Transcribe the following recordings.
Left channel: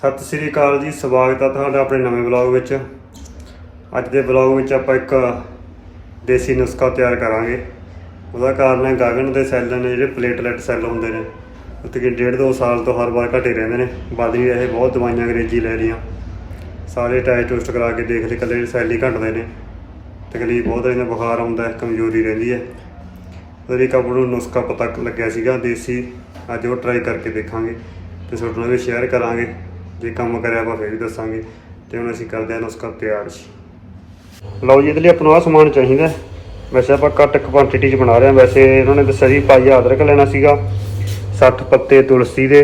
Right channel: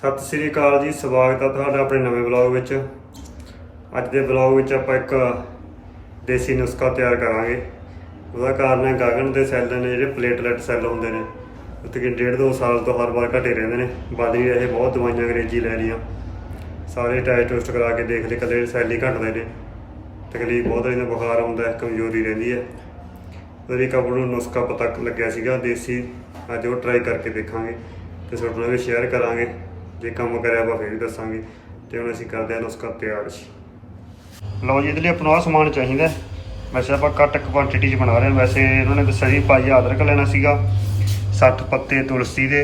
ਸਤਿ ਸ੍ਰੀ ਅਕਾਲ ਜੀ, ਸਵਾਗਤ ਹੈ ਤੁਹਾਡਾ ਆਪਣੇ ਨਵੇਂ ਵਲੌਗ ਵਿੱਚ। ਅੱਜ ਦੇ ਵਲੌਗ ਵਿੱਚ ਆਪਾਂ ਇੱਕ ਦੇਸੀ ਨੁਸਖਾ ਤਿਆਰ ਕਰਾਂਗੇ। ਉਹਦਾ ਕਾਰਨ ਹੈ ਗਗਨ ਦੇ ਸੈੱਲ ਨੇ ਜਿਹੜੇ ਪਲੇਟਲੈਟ ਸੈੱਲ ਹੁੰਦੇ ਨੇ ਉਹ ਤਕਰੀਬਨ ਡੇਢ ਦੋ ਸਾਲ ਤੋਂ ਹਰ ਵਾਰ ਘਟੇ ਰਹਿੰਦੇ ਨੇ। ਵੱਧ ਨਹੀਂ ਰਹੇ ਬਹੁਤ ਦਵਾਈਆਂ ਅੰਗਰੇਜ਼ੀ ਲੈ ਲਈਆਂ। ਸਾਰੇ ਟੈਸਟ ਟੁਸਟ ਕਰਾ ਕੇ ਦੇਖ ਲਏ ਇਕੱਲੇ ਸੈੱਲ ਹੀ ਘਟਦੇ ਨੇ। ਤਕਲੀਫ ਬਹੁਤ ਰਹਿੰਦਾ ਬੁਖਾਰ ਆਉਂਦਾ ਕਮਜ਼ੋਰੀ ਰਹਿੰਦੀ ਹੈ। ਉਹਦੇ ਇੱਕ ਆਪਾਂ ਨੂੰ ਨੁਸਖਾ ਪਤਾ ਲੱਗਿਆ ਸੀਗਾ, ਦੇਸੀ। ਅੱਜ ਉਹ ਟਰਾਈ ਕਰਕੇ ਦੇਖਾਂਗੇ ਤੇ ਤੁਹਾਡੇ ਨਾਲ ਵੀ ਸ਼ੇਅਰ ਕਰਾਂਗੇ। ਜੇ ਕੰਮ ਕਰਿਆ ਆਪਾਂ ਫੇਰ ਵੀ ਦੱਸਾਂਗੇ ਤੇ ਹੁਣ ਅਸੀਂ ਕਰਦੇ ਹਾਂ ਨੁਸਖਾ ਤਿਆਰ ਲਓ ਜੀ, ਇਹਦੇ ਲਈ ਆਪਾਂ ਨੂੰ ਆਹ ਸਮਾਨ ਚਾਹੀਦਾ। ਵੈਸੇ ਆਪਾਂ ਘੱਟ ਕੁਆਂਟੀਟੀ 'ਚ ਬਣਾ ਰਹੇ ਹਾਂ। ਵੈਸੇ ਇਹਨਾਂ ਨੇ ਦੱਸਿਆ ਸੀ ਪਾਈ ਅਦਰਕ ਲੈਣਾ ਸੀਗਾ। 60 ਪੱਤੇ ਤੁਲਸੀ ਦੇ,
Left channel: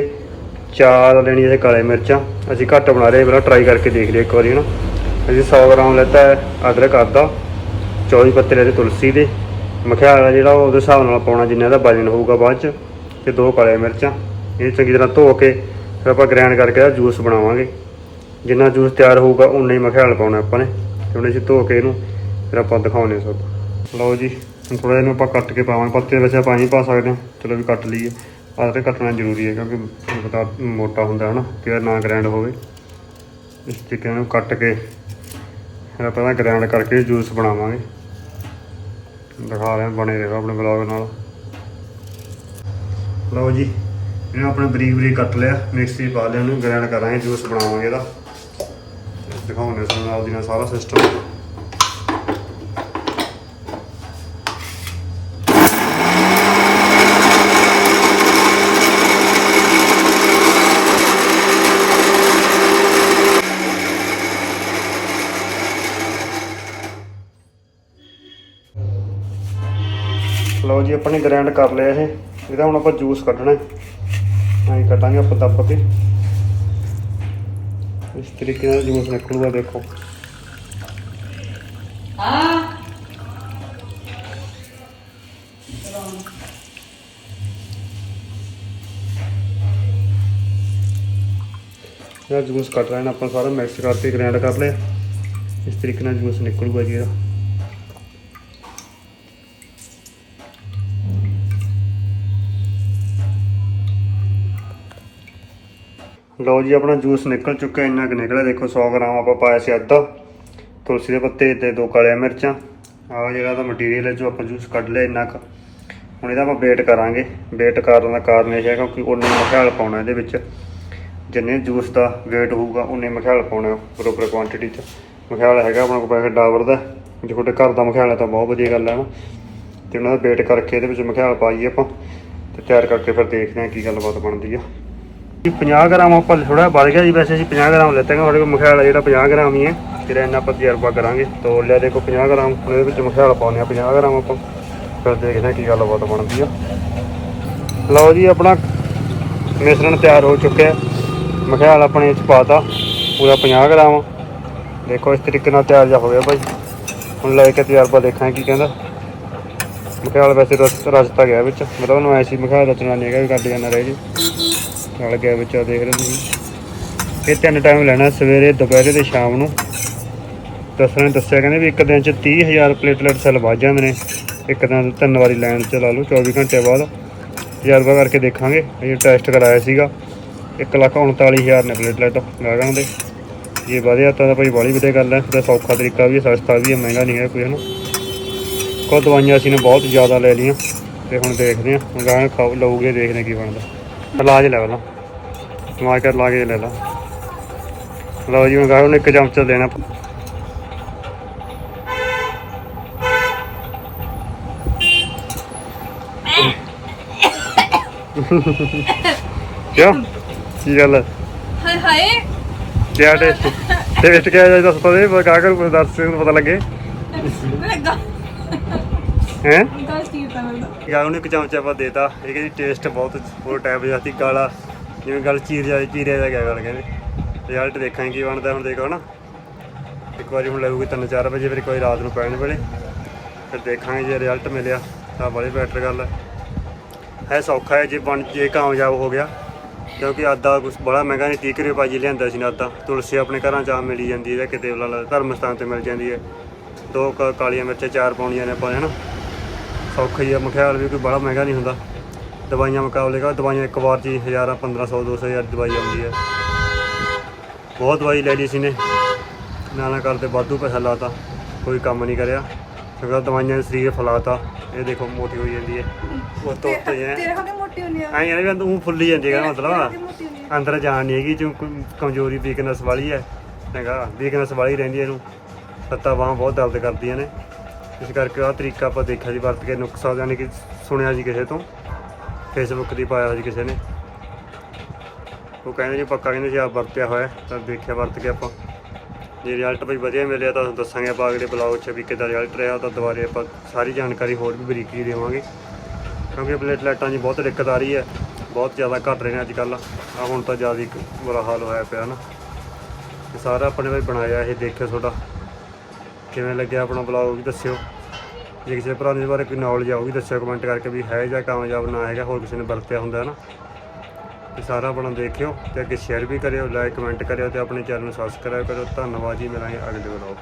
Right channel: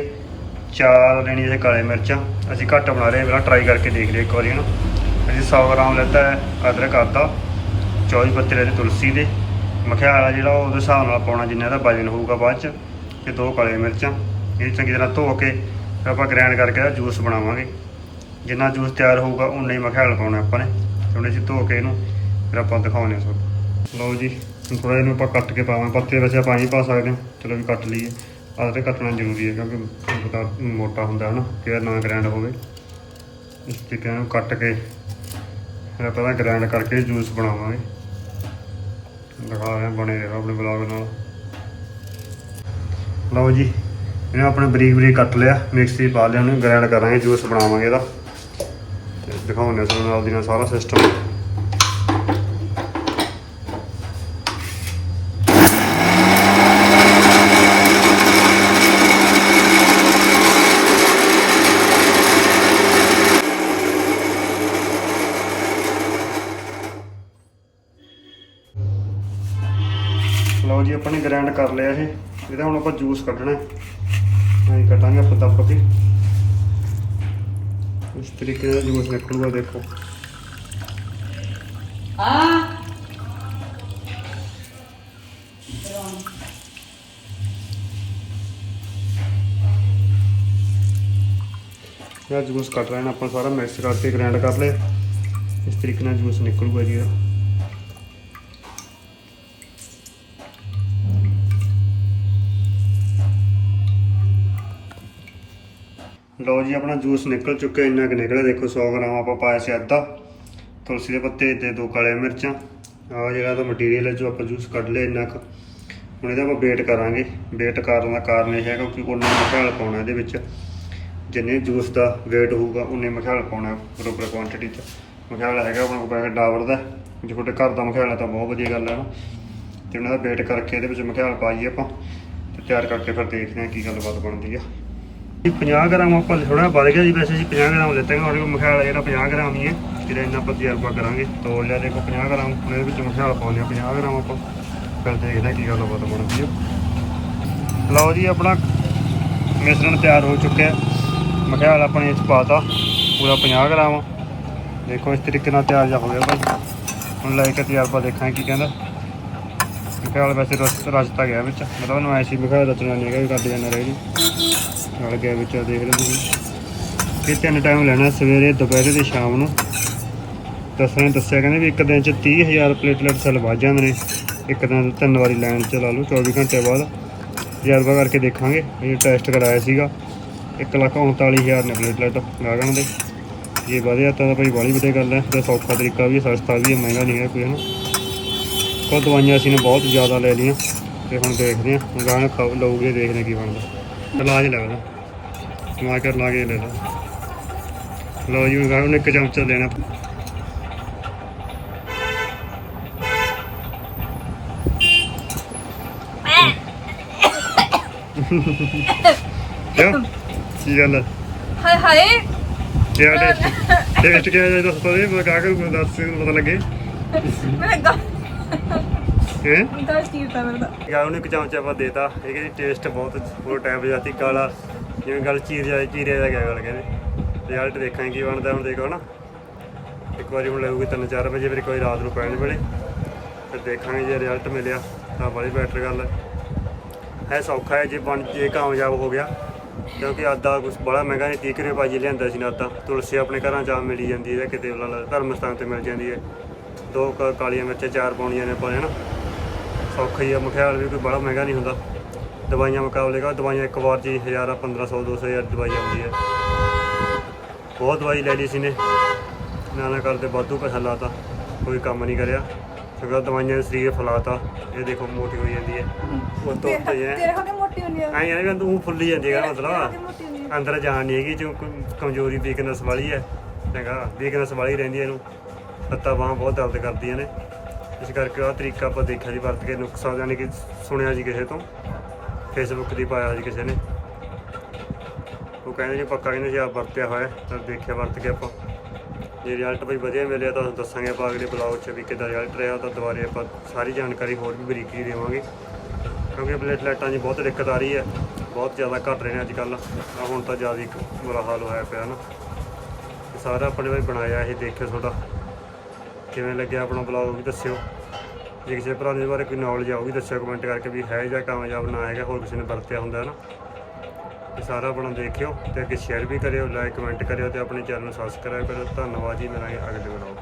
ਚਾਰ ਲੈਣੀਆਂ ਇਹ ਕਾਲੇ ਮਿਰਚਾਂ। ਅਸੀਂ ਘੱਟ ਬਣਾ ਰਹੇ, ਪਹਿਲਾਂ ਟਰਾਈ ਕਰਕੇ ਦੇਖ ਲਿਆ ਇੱਕ ਵਾਰੀ ਨਾ ਅਸੀਂ 100 ਗ੍ਰਾਮ ਲੈਤਾ ਅਦਰਕ, ਅੱਧਾ। 24 ਪੱਤੇ ਲੈ ਲੈਤੇ ਤੁਲਸੀ ਦੇ। ਮਖਿਆਲ ਹੈ ਜਿਹੜਾ ਉਹਦੇ ਹਿਸਾਬ ਨਾਲ ਪਾਉਣਾ ਜਿੰਨਾ ਦਾ ਵਜਨ ਹੋਊਗਾ ਬਾਅਦ ਚ, ਤੇ ਦੋ ਕਾਲੇ ਮਿਰਚਾਂ। ਇਹ ਚੰਗੀ ਤਰ੍ਹਾਂ ਧੋ ਕੇ ਫਿਰ ਆਪਾਂ ਗ੍ਰਾਈਂਡ ਕਰਕੇ ਇਹਦਾ ਜੂਸ ਬਣਾਵਾਂਗੇ। ਜਿੰਨਾ ਜੂਸ ਤਿਆਰ ਹੋਊਗਾ ਉਨਾ ਹੀ ਮਖਿਆਲ ਪਾਉਣਾ ਆਪਾਂ ਨੇ। ਤੇ ਹੁਣ ਅਸੀਂ ਧੋ ਕੇ ਇਹਨੂੰ ਫਿਰ ਆਪਾਂ ਦਿਖਾਉਣੇ ਸਭ। ਲਓ ਜੀ, ਹੁਣ ਥੋੜਾ ਇਹਨੂੰ ਆਪਾਂ ਕੱਟ ਕੇ ਪਾਵਾਂਗੇ। ਪੱਤੇ ਵਿੱਚ ਆਪਾਂ ਨਹੀਂ ਪਾ ਸਕਦੇ ਚਲੋ ਵੀ ਕੱਟ ਲਈਏ। ਆਹ ਤੇ ਕੱਟਣਾ ਜ਼ਰੂਰੀ ਹੈ ਕਿਉਂਕਿ ਤੁਹਾਨੂੰ ਪਤਾ ਮੋਟਾ ਹੁੰਦਾ ਹੈ ਨਾ ਕਿ ਨਾ ਗ੍ਰੈਂਡ ਹੋਵੇ। ਇਸ ਤਰੀਕੇ ਨਾਲ ਕੱਟ ਕੇ ਫਿਰ ਆਪਾਂ ਇਹਦਾ ਗ੍ਰਾਈਂਡ ਕਰਕੇ ਜੂਸ ਬਣਾਵਾਂਗੇ। ਦਿਖਾ ਰਹੇ ਬਣੇ ਰਹੋ ਆਪਣੇ ਬਲੌਗ ਨਾਲ। ਲਓ ਜੀ ਇਹਨੂੰ ਆਪਣੇ ਬਰੀਕ ਬਰੀਕ ਕੱਟ ਲਿਆ, ਮਿਕਸੀ ਪਾ ਲਿਆ ਉਹਨੂੰ ਗ੍ਰਾਈਂਡ ਕਰਾਂਗੇ ਜੂਸ ਬਣਾਵਾਂਗੇ ਇਹਦਾ। ਤੇ ਦਿਖਾਉਂਦੇ ਤੁਹਾਨੂੰ ਨਾਲ ਦੀ ਨਾਲ ਸਾਰਾ ਸਿਸਟਮ ਲਓ ਜੀ ਆਪਾਂ ਨੇ ਗ੍ਰਾਈਂਡ ਕਰ ਲਿਆ ਇਹ। ਇਹਦਾ ਹੁਣ ਆਪਾਂ ਜੂਸ ਕੱਢਣਾ ਹੈ। ਐਂ ਕੱਟਾਂਗੇ ਆਪਾਂ ਦੱਬ ਕੇ ਇਸ ਤਰੀਕੇ ਨਾਲ ਜੂਸ ਨਿਕਲੂਗਾ, ਦੇਖੋ। ਇਹ ਜੂਸ ਕੱਟ ਲੈਣਾ ਆਪਾਂ ਸਾਰਾ, ਮਿਕਸ ਕਰਕੇ ਗ੍ਰਾਈਂਡ ਕਰ ਲਿਆ ਇਸ ਤਰੀਕੇ ਨਾਲ ਜੂਸ ਨਿਕਲੂਗਾ ਜੀ ਇਹਦਾ। ਲਓ ਜੀ, ਆਪਣਾ ਜੂਸ ਨਿਕਲ ਚੁੱਕਿਆ, ਇੰਨਾ ਕੁ ਨਿਕਲਿਆ। ਦੇਖੋ 100 ਗ੍ਰਾਮ ਆਪਾਂ ਪਾਇਆ ਸੀ ਅੱਧਾ। ਤੁਲਸੀ ਦੇ ਪੱਤੇ ਤੇ ਦੋ ਕਾਲੀਆਂ ਮਿਰਚਾਂ। ਆ ਜਿਹੜਾ ਦਾ ਮਟੀਰੀਅਲ ਹੈ, ਜੋ ਆਪਾਂ ਜੂਸ ਕੱਢ ਲਿਆ ਇੰਨਾ ਕੁ। ਹੁਣ ਇਹਦਾ ਆਪਾਂ ਵੇਟ ਕਰਾਂਗੇ। ਵੇਟ ਕਰਨ ਦਾ ਕਾਰਨ ਇਹ ਹੈ ਕਿਉਂਕਿ ਉਨੇ ਮਖਿਆਲ ਪਾਉਣਾ ਇਹਦੇ ਵਿੱਚ। ਜਿੰਨੇ ਜੂਸ ਦਾ ਵੇਟ ਹੋਊਗਾ ਉਨੇ ਮਖਿਆਲ ਪਾਉਣਾ ਬਰੋਬਰ ਕੁਆਂਟੀਟੀ 'ਚ। ਮਖਿਆਲ ਹੈਗਾ ਆਪਣਾ ਕੋਲ ਪੈਕਟ ਡਾਬਰ ਦਾ ਜੇ ਤੁਹਾਡੇ ਘਰ ਦਾ ਮਖਿਆਲ ਹੈ ਤਾਂ ਬਹੁਤ ਵਧੀਆ ਗੱਲ ਹੈ ਨਾ। ਤੇ ਉਹਨਾਂ ਦਾ ਵੇਟ ਕਰਕੇ ਇਹਦੇ ਵਿੱਚ ਮਖਿਆਲ ਪਾਈਏ ਆਪਾਂ। ਤੇ ਤਿਆਰ ਕਰਕੇ ਫਿਰ ਦੇਖਦੇ ਹਾਂ ਕੀ ਗੱਲਬਾਤ ਬਣਦੀ ਆ। 50 ਗ੍ਰਾਮ ਆਪਾਂ ਥੋੜਾ ਵੱਧ ਗਿਆ ਜੀ, ਵੈਸੇ ਅਸੀਂ 50 ਗ੍ਰਾਮ ਲੈਤੇ ਹਾਂ ਸਾਡੇ ਕੋਲ ਮਖਿਆਲਾ ਜਿਹੜਾ 50 ਗ੍ਰਾਮ ਹੀ ਹੈ। ਜਿਹੜਾ ਇੰਨਾ ਆਪਾਂ ਤਜਰਬਾ ਕਰਾਂਗੇ। ਤੋਲ ਲਿਆ ਦੇਖੋ 50 ਗ੍ਰਾਮ, ਉਹਦੇ ਵਿੱਚ ਮਖਿਆਲ ਪਾਉਂਦੇ ਆ 50 ਗ੍ਰਾਮ ਆਪਾਂ। ਫਿਰ ਦੇਖਦੇ ਹਾਂ ਕੀ ਗੱਲਬਾਤ ਬਣਦੀ ਆ। ਲਓ ਜੀ, ਆਪਣਾ ਮਿਸ਼ਰਣ ਤਿਆਰ ਹੋ ਚੁੱਕਿਆ। ਮਖਿਆਲ ਆਪਣੇ ਇਹ ਚ ਪਾਤਾ ਪੂਰਾ 50 ਗ੍ਰਾਮ। ਦੇਖੋ, ਇਸ ਤਰੀਕੇ ਨਾਲ ਤਿਆਰ ਜਾ ਹੋਇਆ ਗਿਆ ਭਾਈ। ਹੁਣ ਲੈ ਕੇ ਤਜਰਬਾ ਦੇਖਾਂਗੇ ਕੀ ਕਹਿੰਦਾ। ਮਖਿਆਲ ਵੈਸੇ ਰਸ ਰਸਤਾ ਗਿਆ ਵਿੱਚ, ਮਤਲਬ ਉਹਨੂੰ ਐਸੀ ਮਖਿਆਲ ਰਚਨਾ ਨਹੀਂ ਹੈਗਾ ਵੀ ਕੱਢ ਜਾਣਾ ਰਹਿ ਜੀ। ਨਾਲ ਗਿਆ ਵਿੱਚ ਆ ਦੇਖ ਰਹੇ ਤੁਸੀਂ। ਇਹ ਤਿੰਨ ਟਾਈਮ ਲੈਣਾ ਸਵੇਰੇ, ਦੁਪਹਿਰੇ ਤੇ ਸ਼ਾਮ ਨੂੰ। ਦੱਸਣ ਨੇ ਦੱਸਿਆ, ਕਹਿੰਦੇ ਵੀ ਇੱਕ ਦਿਨ ਚ 30000 ਪਲੇਟਲੈਟ ਸੈੱਲ ਵੱਜ ਜਾਂਦੇ ਨੇ। ਇੱਕ ਦਿਨ ਤਿੰਨ ਵਾਰੀ ਲਾਈਨ ਚ ਲਾ ਲਓ 24 ਘੰਟੇ ਬਾਅਦ। ਤਜਰਬਾ ਕਰਕੇ ਦੇਖਾਂਗੇ। ਇਹ ਟੈਸਟ ਕਰਾਇਆ ਸੀਗਾ 139000 ਨੇ ਪਲੇਟਲੈਟ ਗਾਗਣ ਦੇ। ਜੇ ਵਧਿਆ ਤਾਂ ਭਾਈ ਬਾਲੀ ਵਧੀਆ ਗੱਲ ਹੈ, ਤੇ ਸੌਖਾ ਤਰੀਕਾ ਵੀ ਹੈ, ਸਸਤਾ ਵੀ ਹੈ, ਮਹਿੰਗਾ ਨਹੀਂ ਹੈ ਕੋਈ, ਹਨਾ। ਕੋ ਦਵਾਈਆਂ ਅਸੀਂ ਨੇ ਬਹੁਤ ਜ਼ਿਆਦਾ ਲੈ ਲਈਆਂ, ਤੇ ਹੁਣ ਦੇਖਦੇ ਹਾਂ, ਹੁਣ ਗਾਂ ਖਾ ਲਊਗੇ, ਦੇਖਦੇ ਹਾਂ ਕੀ ਬਣਦਾ। ਇਲਾਜ ਲੈ ਲਾ। ਕਰ ਲਾ ਕੇ ਲੈ ਲਾ। ਲਓ ਜੀ ਹੁਣ ਗਾਂ ਨੂੰ ਇੱਕ ਚਮਚਾ ਦੇਣਾ। ਕਿਉਂ? ਕੀ ਗੱਲ ਹੈ? ਹਾਏ ਹਾਏ। ਕਿਆ ਟੇਸਟ? ਟੇਸਟ ਕਿਆ ਹੈ? ਦੱਸ ਪਵੇ ਬਕਾ ਕਰ ਦੱਸ ਪਤਾ ਲੱਗੇ। ਮੈਂ ਗਾ ਹੈ? ਗਾ ਚੀਤਾ ਮੇਰਾ ਯਾਰ, ਉਹਨੂੰ ਇੱਕ ਚਮਚਾ ਆਪਾਂ ਦੇਤਾ ਇਹ ਕਹਿੰਦੀ ਟੇਸਟ ਬਹੁਤ ਹੋਰ ਟਾਈਪ ਜਾਂਦੀ ਕਾਲਾ। ਜਿਵੇਂ ਗੱਲ ਚੀਰ ਜਾਏ, ਚੀਰਿਆ ਜਾ ਗਿਆ ਗੱਲ ਕਹਿੰਦੇ। ਰਿਜ਼ਲਟ ਦੇਖਾਂਗੇ ਕੀ ਬਣਦਾ, ਹੁਣ ਦੇਖੋ ਨਾ ਇੱਕ ਵਾਰੀ ਹੁਣ ਲੱਗੂਗੀ 3-4 ਵਜੇ, ਫਿਰ ਕੋਈ ਰਾਤ ਨੂੰ ਪੈਣ ਵੇਲੇ। ਫਿਰ ਦੇਖਾਂਗੇ ਜੇ ਰਿਜ਼ਲਟ ਮਿਲਿਆ, ਤਾਂ ਬੜੀ ਬੈਟਰ ਗੱਲ ਹੈ। ਹੈ ਸੌਖਾ ਹੈ, ਜੇ ਬਣ, ਜੇ ਕਾਮਯਾਬ ਹੋ ਗਿਆ। ਕਿਉਂਕਿ ਆਦਾ ਕੁਝ ਬੜਾ ਮਹਿੰਗਾ ਨਹੀਂ 30 ਰੁਪਏ ਭਾਜੀ ਲਿਆਂਦਾ ਸੀ ਨਾ ਆਦਾ ਤੁਲਸੀ ਆਪਣੇ ਘਰਾਂ ਚ ਆ ਮਿਲੀ ਜਾਂਦੀ ਹੈ ਜਾਂ ਕਿਤੇ ਵਾਲਾ ਧਰਮ ਸਥਾਨ ਤੇ ਮਿਲ ਜਾਂਦੀ ਹੈ। ਦੋ ਕ- ਕਾਲੀਆਂ ਮਿਰਚਾਂ, ਚਾਰ ਪਾਉਣੀਆਂ ਨੇ ਆਪਾਂ ਨੇ, ਹਨਾ। ਸੌਖਾ ਹੀ ਆ। ਮਖਿਆਲ ਵੀ ਕੋਈ ਬੜਾ ਮਹਿੰਗਾ ਨਹੀਂ ਹੁੰਦਾ। ਦਵਾਈਆਂ ਮੁਕਾਬਲੇ ਕਾ ਦਵਾਈਆਂ ਇੱਕ ਵਾਰ ਹੀ ਹਜ਼ਾਰਾਂ 1500 2000 ਦਵਾਈ ਆਉਂਦੀ ਹੈ ਬਹੁਤ ਦਵਾਈ ਲੈ ਲਈ ਸੀ ਨੇ। ਨਾ ਨਾ ਕਰਦੇ ਵਾਧੂ ਪੈਸਾ ਲਾਤਾ। ਕੋਈ ਕੰਮ ਨਹੀਂ ਕਰਿਆ। ਸਗੋਂ ਦਵਾਈਆਂ ਨੇ ਸਰੀਰ ਫਲਾਤਾ। ਇਹ ਦੇਖੋ ਮੋਟੀ ਹੋਈ ਜਾਂਦੀ ਹੈ। ਉਹ ਤੋਂ ਉੱਤੇ ਹੀ ਤੇਰੇ ਹੈ। ਹੋ ਕੇ ਮੋਟੀ ਹੁੰਦੀ ਆ। ਐਂ ਵੀ ਤੂੰ ਫੁੱਲੀ ਜਾਂਦੀ ਹੈ ਮਤਲਬ। ਅੰਦਰ ਜਾਣ ਨਹੀਂ ਹੈਗੀ ਜੋ ਕੋਈ ਕਮਜ਼ੋਰੀ ਵੀਕਨੈਸ ਵਾਲੀ ਹੈ। ਚੰਗਾ ਵੀਕਨੈਸ ਵਾਲੀ ਰਹਿੰਦੀ ਹੈ ਇਹਨੂੰ। ਲੱਤਾਂ ਬਾਹਾਂ ਬਹੁਤ ਦਰਦ ਕਰਦੀਆਂ ਨੇ। ਇਸ ਕਰਕੇ ਆਹ ਤਰੀਕਾ ਆਪਾਂ ਦੇਖਿਆ ਜੀ, ਵਰਤ ਕੇ ਨੁਕਸਾ ਯਾਨੀ ਕਿ ਸੁਣਿਆ ਜੀ ਕਿਸੇ ਤੋਂ ਫੇਸਬੁੱਕ ਦੀ ਪਾਇਆ ਜੀ ਕਿਸੇ ਨੇ। ਉਹ ਕਹਿੰਦੇ ਜੀ, ਪੱਕਾ ਕਹਿੰਦੇ ਜੀ ਆਪ ਵਰਤਿਆ ਹੋਇਆ, ਤਾਂ ਦੇਖਿਆ ਵਰਤ ਕੇ ਆਪਾਂ। ਜੇ ਰਿਜ਼ਲਟ ਵੀ ਵਧੀਆ ਮਿਲਿਆ ਤਾਂ ਤੁਹਾਨੂੰ ਦੱਸਾਂਗੇ ਆਪਾਂ ਅਗਲੇ ਬਲੌਗ 'ਚ ਵੀ ਕਿੱਦਾਂ ਰਿਜ਼ਲਟ ਰਿਹਾ ਤਾਂ ਦੁਬਾਰੇ ਆਪਾਂ ਸਾਰੀ ਜਾਣਕਾਰੀ ਹੋਰ ਵੀ ਬਰੀਕੀ ਦੇਵਾਂਗੇ। ਕਿਉਂਕਿ ਪਲੇਟਲੈਟਾਂ 'ਚ ਬਹੁਤ ਦਿੱਕਤ ਆ ਰਹੀ ਹੈ, ਬਹੁਤ ਜ਼ਿਆਦਾ ਘਟ ਰਹੇ ਨੇ ਅੱਜ ਕੱਲ ਆ ਹੁਣ ਤਾਂ ਜ਼ਿਆਦਾ ਹੀ ਬੁਰਾ ਹਾਲ ਹੋਇਆ ਪਿਆ ਨਾ। ਤੇ ਸਾਰਾ ਆਪਣੇ ਲਈ ਬਣਾਇਆ, ਇਹ ਦੇਖਿਓ ਤੁਹਾਡਾ। ਕਿਵੇਂ ਲੱਗਿਆ ਆਪਣਾ ਬਲੌਗ ਵੀ ਦੱਸਿਓ। ਜੇ ਕਿਸੇ ਭਰਾ ਨੂੰ ਬਾਰੇ ਕੋਈ ਨੌਲੇਜ ਆ ਉਹ ਵੀ ਦੱਸਿਓ ਕਮੈਂਟ ਕਰਕੇ ਵੀ ਹੈ ਜਾਂ ਕਾਮਯਾਬ ਨਾ ਹੈਗਾ, ਹੋਰ ਕਿਸੇ ਨੇ ਵਰਤਿਆ ਹੁੰਦਾ ਹੈ ਨਾ ਤੇ ਸਾਰਾ ਆਪਣਾ ਦੇਖਿਓ ਤੇ ਅੱਗੇ ਸ਼ੇਅਰ ਵੀ ਕਰਿਓ ਲਾਈਕ ਕਮੈਂਟ ਕਰਿਓ ਤੇ ਆਪਣੇ ਚੈਨਲ ਨੂੰ ਸਬਸਕ੍ਰਾਈਬ ਕਰਿਓ। ਧੰਨਵਾਦ ਜੀ, ਮਿਲਾਂਗੇ ਅਗਲੇ ਬਲੌਗ